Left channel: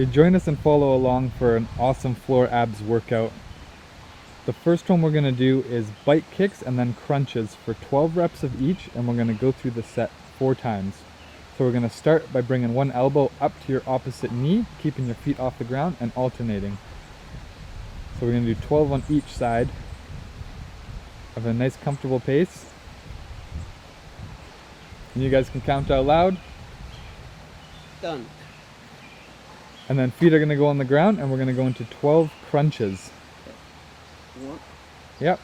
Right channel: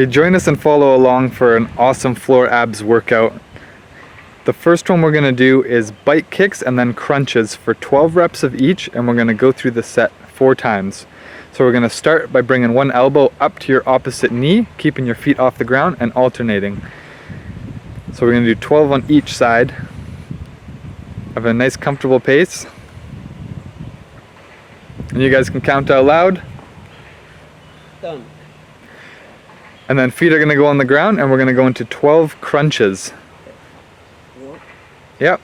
Okay, join us and follow along for an awesome floor abs workout. The first one we're going to do is bike kicks and then crunches for 12 reps of each, and we're going to go through the set 4 times. So we're going to start by bringing one elbow up to your opposite knee, keeping your feet off the ground and alternating. So we're going to do 12 on each side. Have a nice comfortable pace. And you guys can count out loud. Done. And then feet are going to go on the ground, and we're going to go into 12 crunches. Yep.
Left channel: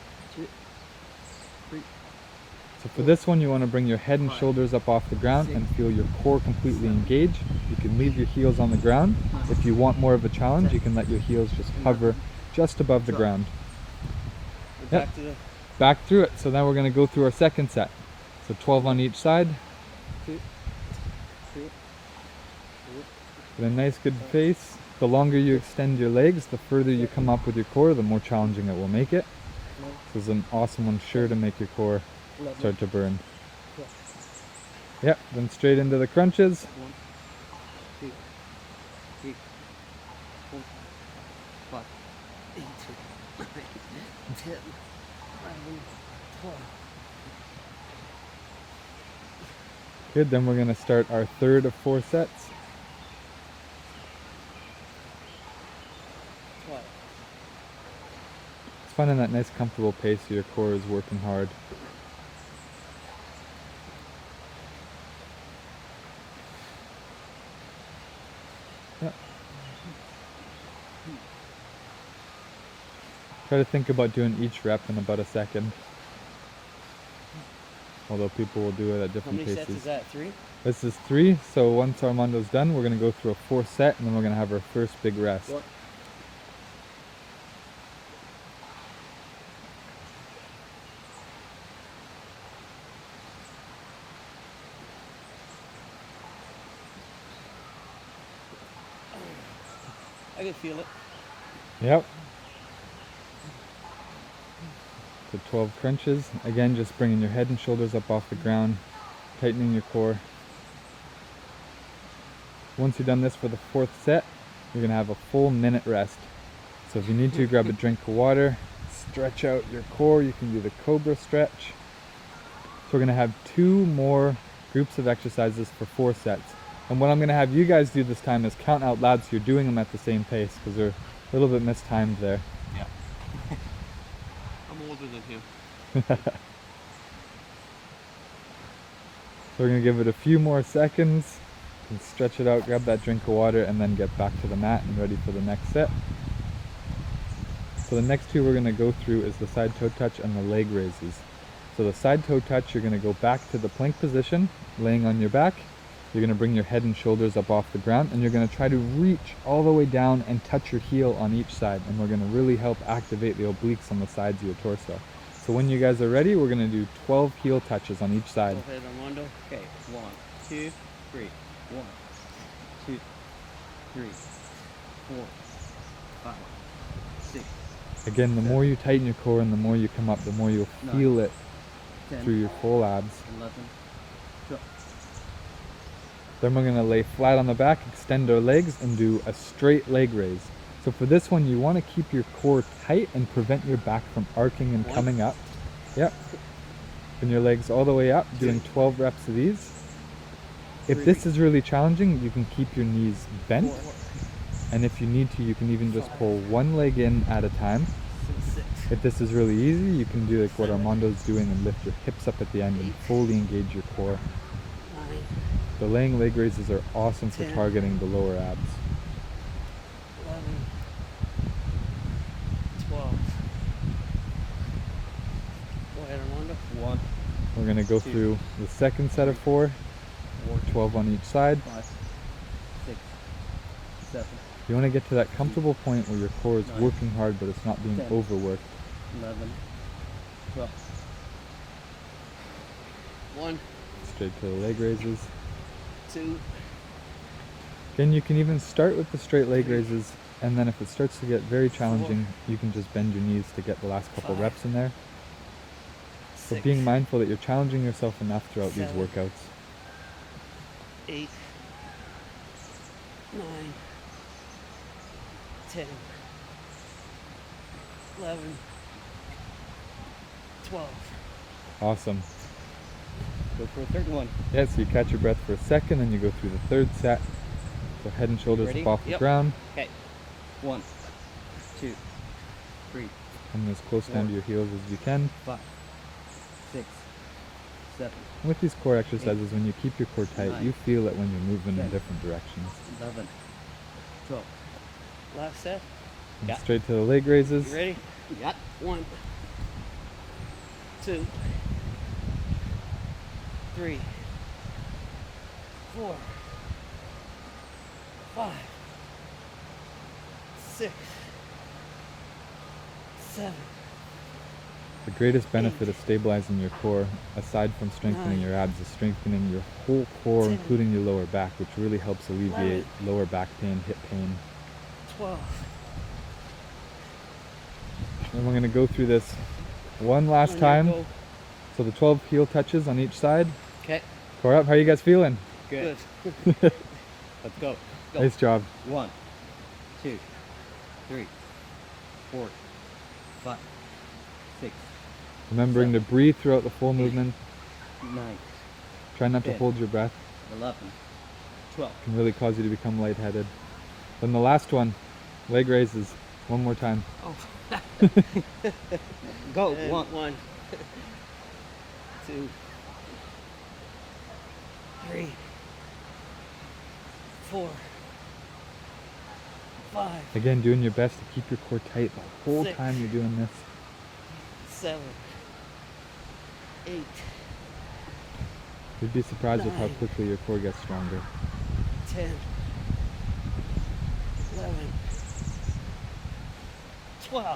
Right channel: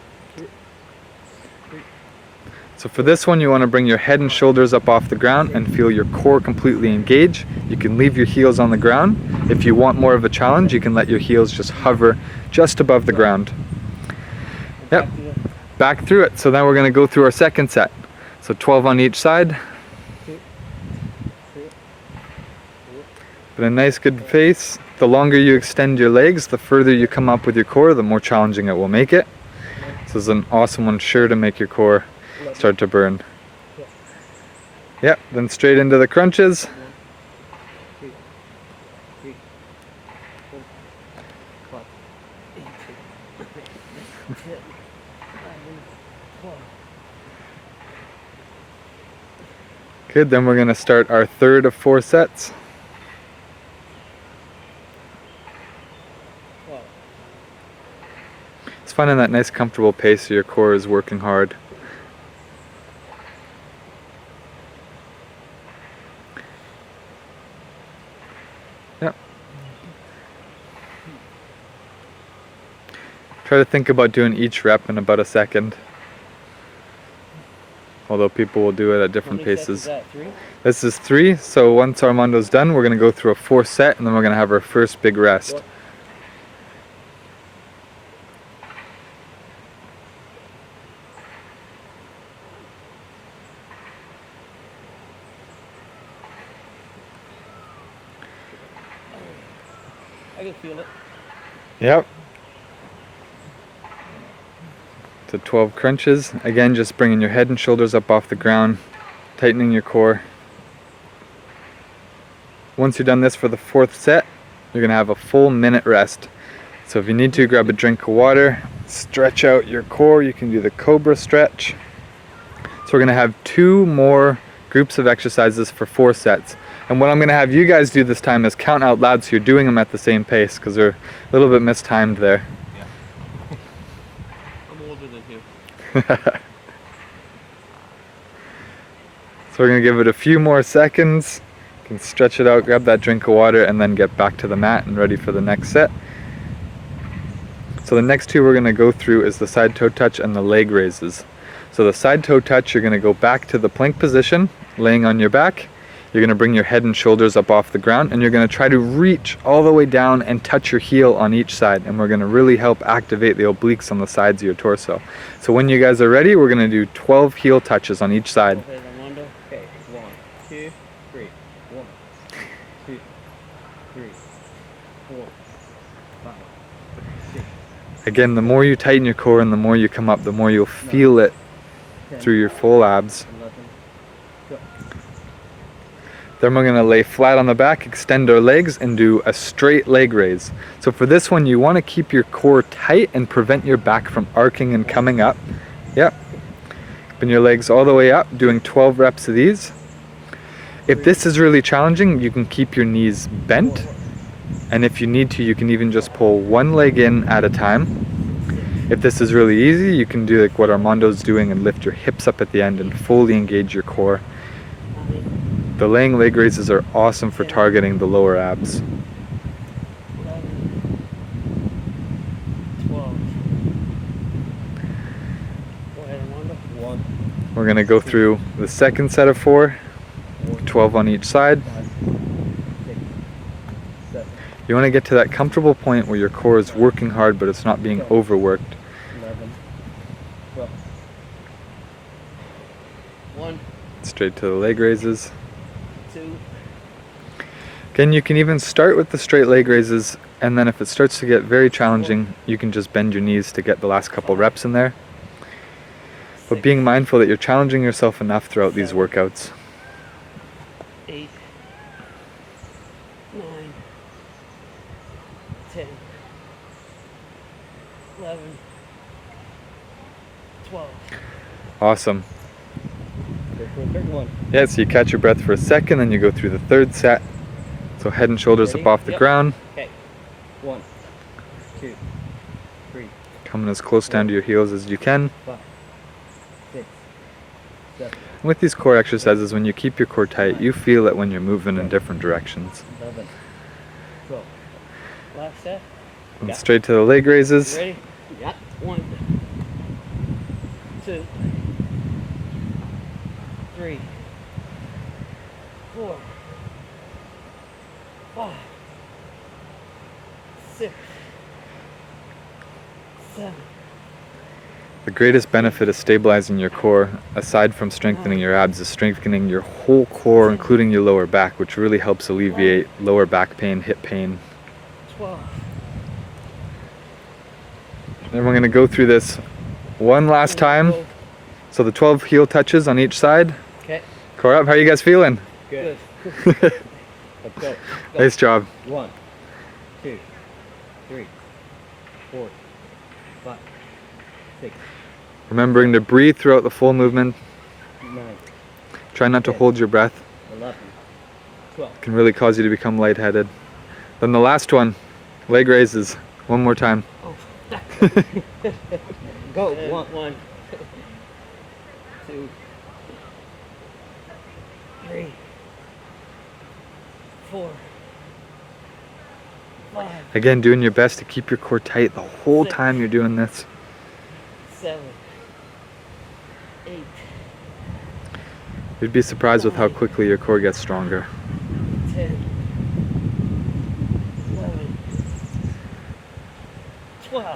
So for this one, you want to bring your head and shoulders up off the ground and feel your core completely engage. You can leave your heels on the ground. If you want more of a challenge, you can let your heels just hover just above the ground. Yep. Back through it. So then we're going to go through our second set. So 12 on each side. But a nice good pace. The longer you extend your legs, the further you come up with your core, the more challenging it will make it. So this is an awesome one, sure to make your core start to burn. Yep, then straight into the crunches. Good, then we're going to start our third of 4 sets. It's finding that nice comfortable pace so your core is working hard. Yep. Try to think about doing each rep in about a second. Although people will do it at different paces. This is 3, so once Armando's done, we're going to go through a 4th set, and then we're going to have our first big rest. I can feel it. Yep. So 12 crunches. Again, just bringing your head and shoulders up off the ground, tightening your core. Once you're done this for the 4th set, you're going to have a full minute rest. So if you need to, grab a drink of water, stretch out your core. You can do the Cobra Stretch. So we're going to have 2 more groups of exercises for 4 sets. And what I'm going to have you guys do this time is count out loud so you're doing them at the same pace, because they're a little bit mistimed there. So we're going to give it a few more seconds. You can stretch it out, grab that drink of water, and then get back to the mat and ready for the next set. So the next 2 we're going to go through is the side toe touch and the leg raises. So the side toe touch, you're going to go back to the plank position, laying on your back. You're going to bring your head and shoulders up off the ground, and you're going to try to reach all the way down and touch your heel on each side, and we're going to really help activate the obliques on the sides of your torso. So when you guys are ready, we're going to do 12 heel touches on each side. Okay, 1, 2, 3. 1, 2, 3, 4, 5, 6. Again, the more you tighten your core and the more you come up, the more you'll feel it through your full abs. Then we're going to lay flat on the back, extend our legs, and do a straight leg raise. So for this one, you want to keep your core tight and prevent your back from arcing and coming up. Yep. Bring your legs all the way up, doing 12 reps of these. If this is really challenging, you can keep your knees bent. And if you need to, you can even just pull one leg in at a time. If this is really easy, you can do like what Armando's doing and lift your hips up at the end and fully engage your core. The laying leg raises are awesome for targeting the lower abs. 12. We're going to go through the second set of 4, 12 on each side. You want to get to that comfortable point where your core is working hard but it's not being overworked. 1, Straight to the leg raises. 2. Again, you can even start with the straight leg raises, and then if it starts to get very challenging, you can just bend your knees to get the last couple reps in there. But being mindful that you're challenging yourself enough throughout these workouts. 8, 9, 11, 12. Awesome. Go for a third one. Yeah, so you catch your breath for a second, then you go through the third set. So head and shoulders Ready? up off the Yep. ground, Okay. 1, 2, 3, coming as close down to your heels as you can. 5, 6, 7, With these core exercises, when you keep your core tight, you feel it when you're moving in different directions. 11, 12. Last set. And Yeah. straight to the leg raises. Ready? Yeah. 1, 2, 3, 4, 5, 6, 7. The greatest benefit of stabilizing your core, aside from strengthening your abs, is strengthening your whole core, including your lower back, which really helps alleviate lower back pain, hip pain. 12. Then we're going to go through this one last time. So the 12 heel touches on each side. Okay. Core up, how are you guys feeling? Good. Let's go. Go. Nice job. 1, 2, 3, 4, 5, 6, Remembering to breathe throughout the full movement. 9, Try not to hold your breath. 11, 12. It can really cause you to become lightheaded. Then the last one, leg raises. One more time. Go. 1, 2, 3, 4, 5, Again, doing your best to keep your core tight the whole time you're doing this. 7, 8, You'd be surprised with how quickly your core gets stronger. 10, 11, 12.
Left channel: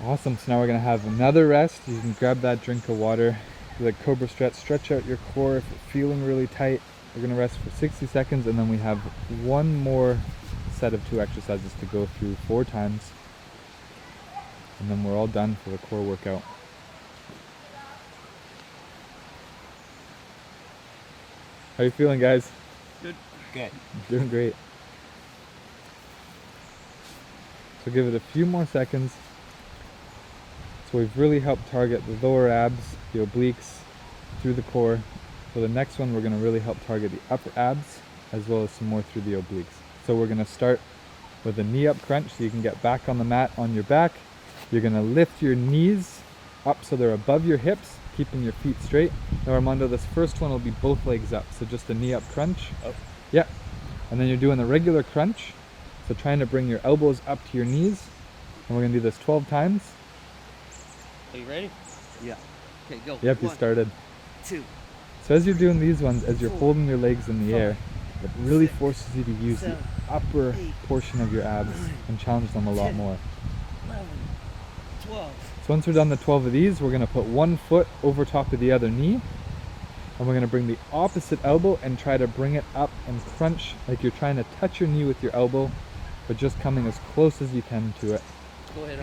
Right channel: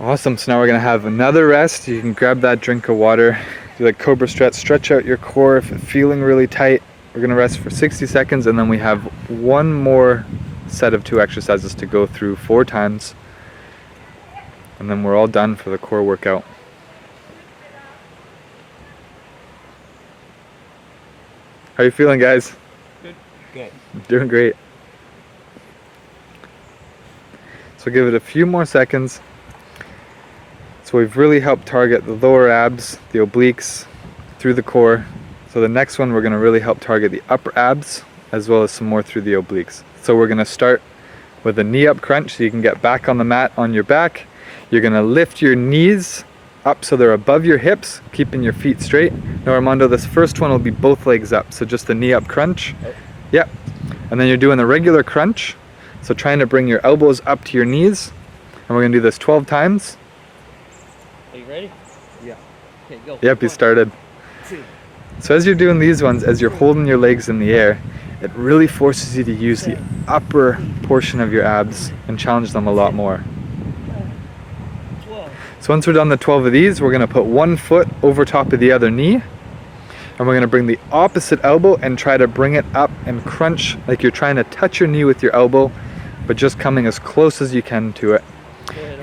Awesome, so now we're gonna have another rest. You can grab that drink of water, do like Cobra Stretch, stretch out your core if it's feeling really tight. We're gonna rest for 60 seconds and then we have one more set of 2 exercises to go through 4 times. And then we're all done for the core workout. How you feeling, guys? Good. Doing great. So give it a few more seconds. So we've really helped target the lower abs, the obliques, through the core. So the next one we're going to really help target the upper abs as well as some more through the obliques. So we're going to start with a knee up crunch so you can get back on the mat on your back. You're going to lift your knees up so they're above your hips, keeping your feet straight. Now Armando, this first one will be both legs up, so just the knee up crunch. Yep. And then you're doing a regular crunch, so trying to bring your elbows up to your knees. And we're going to do this 12 times. Are you ready? Yeah. Okay, go. Yep, you started. 2, So as you're doing these ones, as you're holding your legs in the air, it really forces you to use the upper portion of your abs and challenge them a lot more. 12. So once we're done the 12 of these, we're going to put one foot over top of the other knee. And we're going to bring the opposite elbow and try to bring it up and crunch like you're trying to touch your knee with your elbow, but just coming as close as you can to it.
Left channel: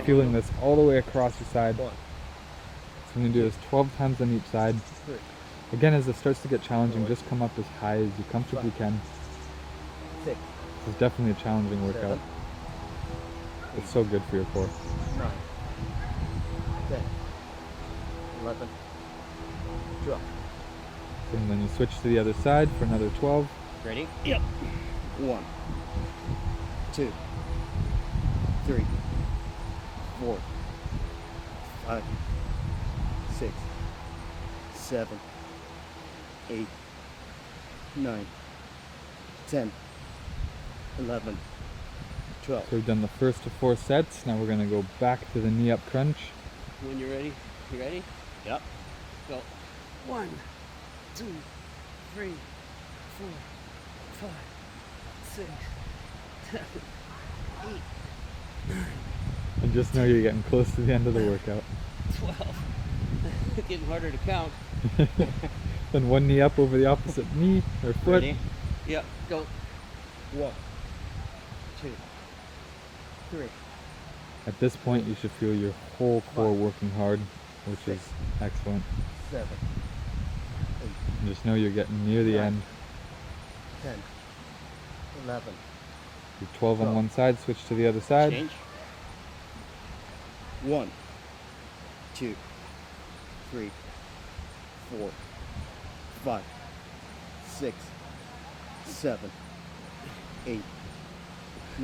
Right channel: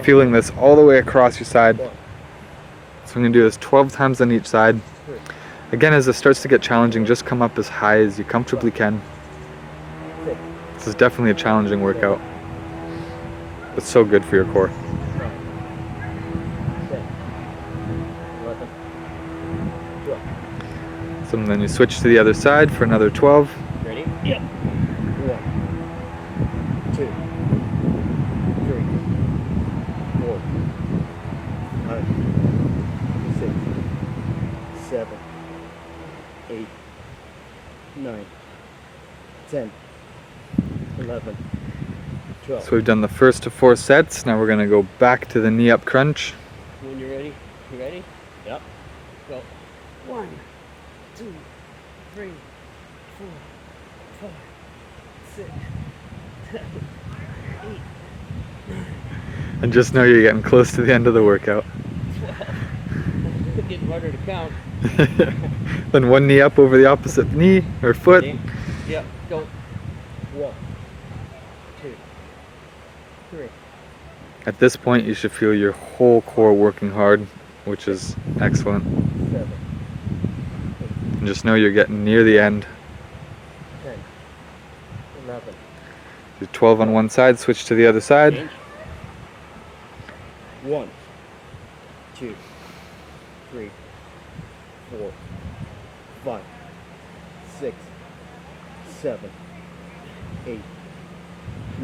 Feeling this all the way across your side. So I'm going to do this 12 times on each side. Again, as it starts to get challenging, just come up as high as you comfortably can. This is definitely a challenging workout. It's so good for your core. 9, 10, 11, 12. So then you switch to the other side for another 12. Ready? Yep. 1, 2, 3, 4, 5, 6, 7, 8, 9, 10, 11, 12. So we've done the first of 4 sets. Now we're going to go back to the knee up crunch. When you're ready, you ready? Yep. Go. 1, 2, 3, 4, 5, 6, 7, 8, And just know you're getting close to the end of the workout. 12. Getting harder to count. Then one knee up over the opposite knee or foot. Ready? Yep. Go. 1, 2, 3. At this point, you should feel your whole core working hard, which is excellent. 7, And just know you're getting near the end. 10, 11. Do 12 on one side, switch to the other side. Change. 1,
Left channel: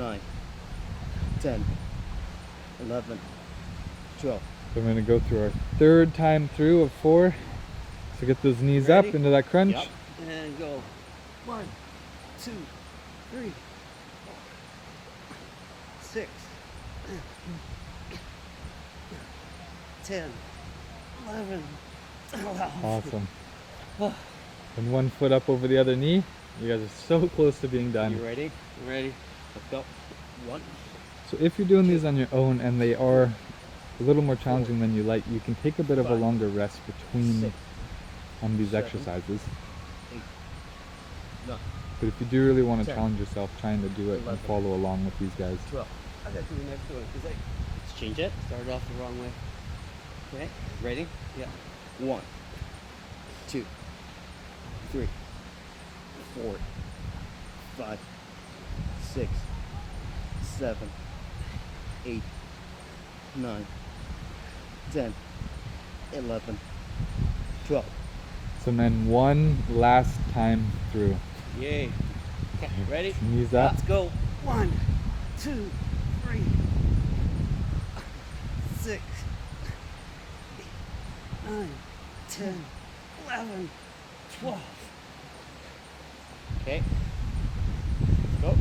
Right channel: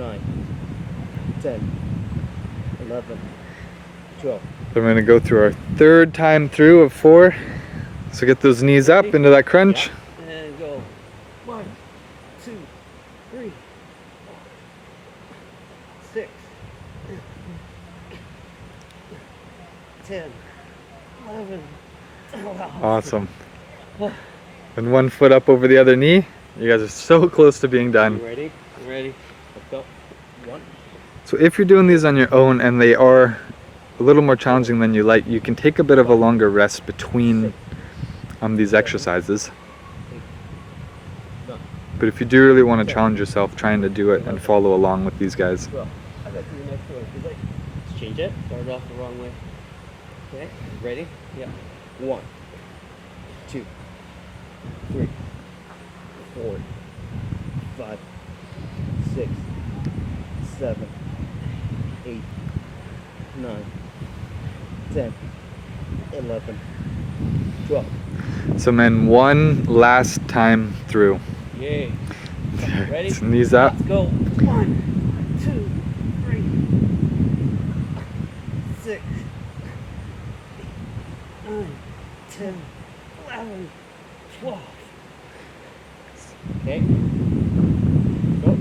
9, 10, 11, 12. So I'm gonna go through our third time through of 4. So get those knees up into that crunch. And go. 1, 2, 3, 6, 10, 11, 12. Awesome. And 1 foot up over the other knee. You guys are so close to being done. Ready? Ready? Let's go. 1. So if you're doing these on your own and they are a little more challenging than you like, you can take a bit of a longer rest between these exercises. But if you do really want to challenge yourself trying to do it and follow along with these guys. Let's change it. Start off the wrong way. Okay. Ready? Yeah. 1, 2, 3, 4, 5, 6, 7, 8, 9, 10, 11, 12. So men, 1 last time through. Yay. Ready? So knees up. Let's go. 1, 2, 3, 6, 8, 9, 10, 11, 12. Okay. Go.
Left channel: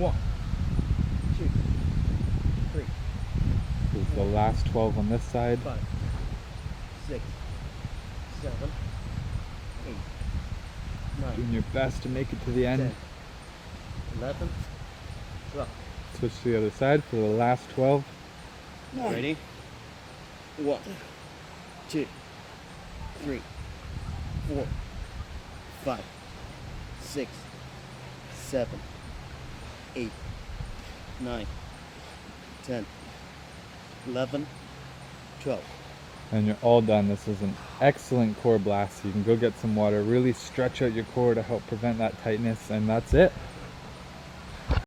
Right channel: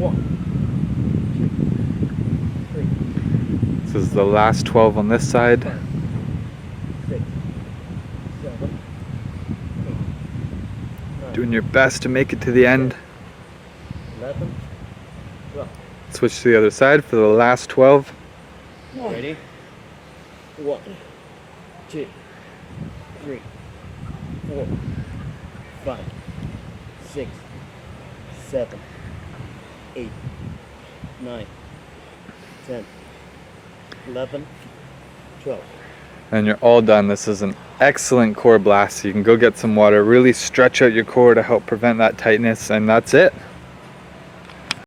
1, 2, 3, This is the last 12 on this side. 5, 6, 7, 8, 9, Doing your best to make it to the end. 11, 12. Switch to the other side for the last 12. Ready? 1, 2, 3, 4, 5, 6, 7, 8, 9, 10, 11, 12. And you're all done. This is an excellent core blast. You can go get some water, really stretch out your core to help prevent that tightness, and that's it.